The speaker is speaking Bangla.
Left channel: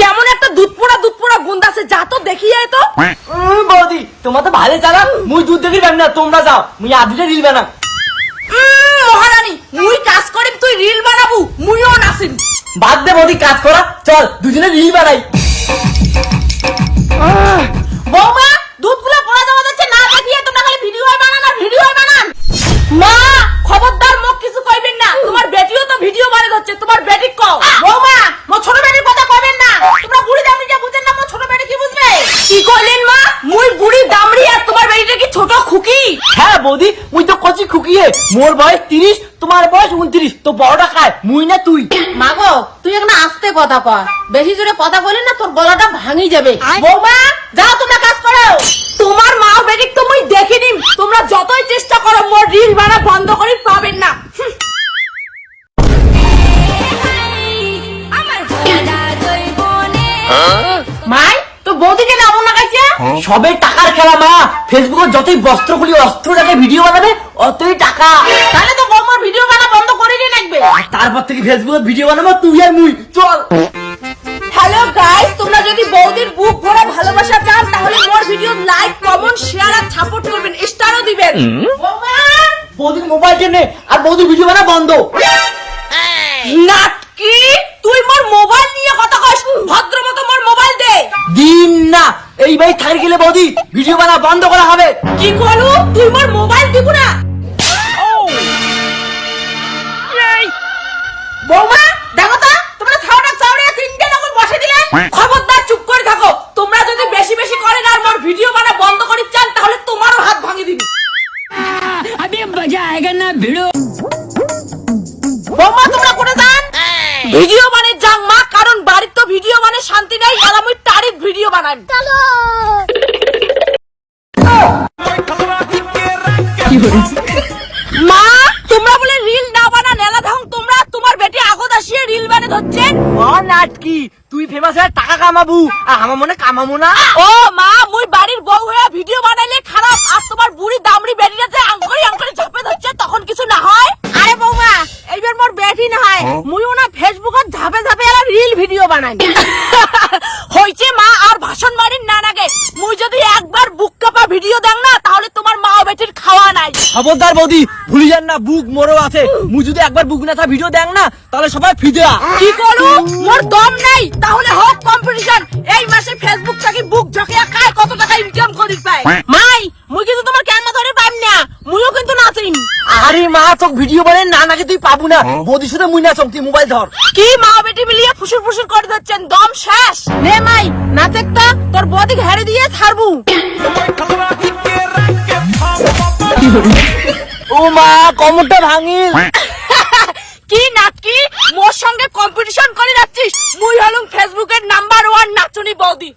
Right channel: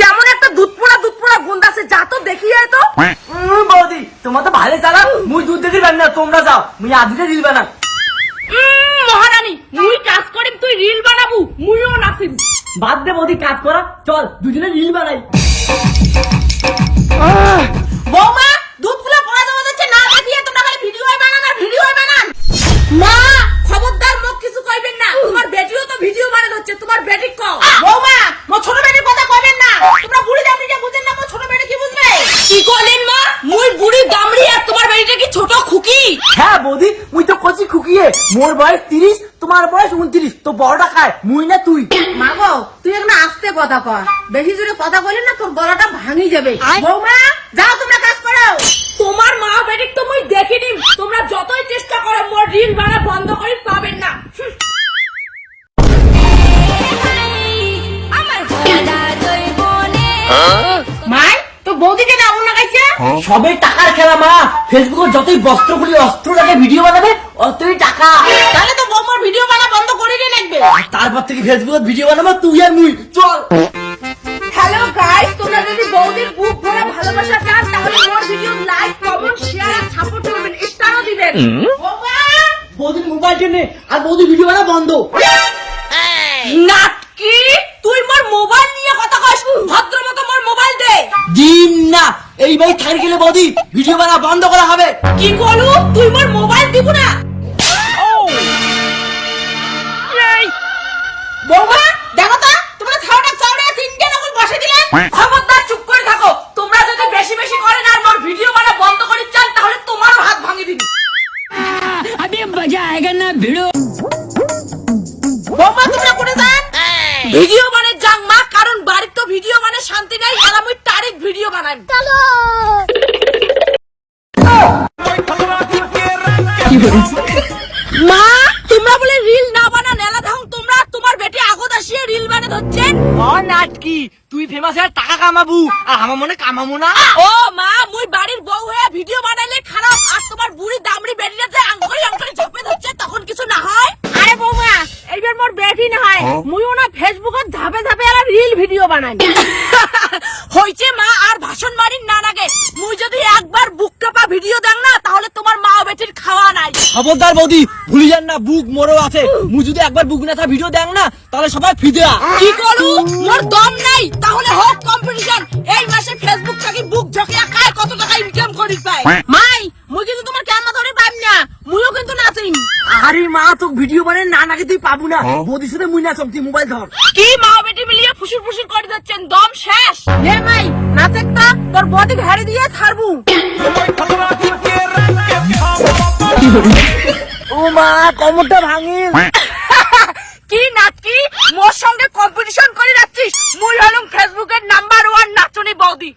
কেমন একটা দুধ পোড়া গন্ধ আছে, যা তো দেখি যায় তো। বৌদি তোমার তো ভালো চালা, মুই দুধ দেখি না, তোমরা যাও, মুই আদিটা রিল বানাম। মহারানী মুই কাজ করিম, তুই রিল বানাবু, মুইও নাচিম। বাদ দে বৌদি কাজ করা, চল দুজনে রিল বানাই। বৌমা দুধ গুলো পড়া যাওয়া যাচ্ছে না, দেখিয়ে তোমরা খালি ভিডিও বানান আর ভিডিও বানান। মা খবরদার মুখ কিছু কইবেন না, তোমার বেটিও তো ভিডিও বানাই হচ্ছে, তোমার বেটি কও। বৌমা মো ছোট বেটির কথা কইবেন না, তোমরা বুড়ি দামড়ি যা বুঝেন না, মো ছোট বেটি কি বুঝবে? কি কইলেন মা? মুই বুড়ি দামড়ি আর তোমার বেটিটা কি ছোট খুকি? হ্যাঁ বৌদি, মুই তো কচি খুকিয়ে, মোর বয়স 30, তোমার বয়স 29, তো বড়টা খায় মুই না তুই। মা গো তুই একটা আস্তে কথা কর, বেশি জোরে কথা বলে না তোর গলাটা ভাঙি যাবে। বৌমা যাও তোমরা কাজ করো। তোমার মা বেটিক তো মুই দেখিনি, তোমরা যতই চেষ্টা করো মোর রিল বানা বন্ধ করি পাবেন না। মাই তো বৌদিকে নামও না কাইছে। সবে টাকার খেলা মা, ফেসবুকে যতই বস্ত্র খুলি অস্ত্র রেখে ভিডিও বানাবে অতই টাকা। তাহলে তো বৌমার ভিডিও বানা বন্ধ করে দিয়ে লাগবে। তারপর থেকে ফেসবুকে ভিডিও বানাবো তুই আর মুই, চল। হ্যালো গাইস, তোমরা যদি বৌদির বুক ভরা ভালোবাসা চান তাহলে more video like comment share আর সাপোর্ট করবেন, স্টারও দিবেন। বৌমা বৌদির মোবাইল নে আর বৌদির ভিডিও বানা বন্ধ। নাটকি তুই মোর মোবাইল নিয়ে কথা কইস, ভদ্রমতো মোর মোবাইল দে। দিন না, এই ভাই থাকি গেলে বৌদি ভিডিও বানা বন্ধ করা হবে। কি করু তুই মোর মোবাইল দিব না? বৌমা দেখো তো তোমরা ছাওটা চাওড়া তিনটে নকল বসে দিলেন। খবরদার চুপ করে থাকো, তোমরা যদি বেশি বেশি করেন আর মোর ভিডিও বানা বন্ধ করি চান তাহলে তোমারও হাত ভাঙি দিবি। अभी मजा आएगा ना भिड़ो। বৌমা তোমরা কোনে যান? ভিডিও মানে যাং মা, কারণ বাড়ির তো ভিডিও মানে শান্তি নাই, আর আমি তারিখ ভিডিও বানাই। চলো মা তোমরা বলে রিল না বানা নেলা থাম, তোমরা তোমার বেটি আগত আসিয়ে রিল বানে ধরছেন। ও নাটকি তুই ফেমাস হয়ে টাকা কামাবু আর আমার মনে কামাবো না। ও মা মুই বাড়ির বউ হয়ে ভিডিও বানাইলে খারাপ, আর তোমার বুড়ি দামড়ি বেটিটা যে আঙ্কড়ি ঝপে ধরছে তখন কিছু না হয়? আরে বৌমা এইবার মোর বেটি না হয়, মুইও না ফেসবুকত ঝাপে ঝাপে আর রিল ভিডিও বানাই। হইছে মা আর ভাষণ মারিন না নাগে, মুই যদি একবার বুক কাপা ভিডিও দেন না তাহলে তোমার মা ও বেটির খাওয়া নাই। খবরদার বৌদি ভুলি যান না, বুক মোরও আছে, মুই যদি একবার বুক না ভিডিও দেন না তাহলে সবাই ফিদা। কি করু মোর দম নাই, তাহলে হোক কম্পিটিশন, এই মাসে ফেসবুক থেকে বুক ঝকিয়া কার কত টাকা ইনকাম করি পায়। মাই মুই কিন্তু তোমার ক্যামেরা ধরে পাইম না, মুইও কিন্তু নাচিম। আরে মা তোক ভিডিও বানাই না নাকি তুই পাবো না, বৌদির সাথে মুই নাচম, তুই মোবাইল ধর। কি মা বেটি মিলিয়ে ফুসুর ফুসুর করে যাচ্ছেন, দম শেষ। নে মাই নাচে তো তোর বদিক হেরে দিয়ে ছাড়বু। ও মা কমরটা ভাঙি। কি নাটকি মোর সঙ্গে কম্পিটিশন করে যাচ্ছিস? মুই হলুম ফেসবুকের নাম্বার 1 নাচনি বৌদি।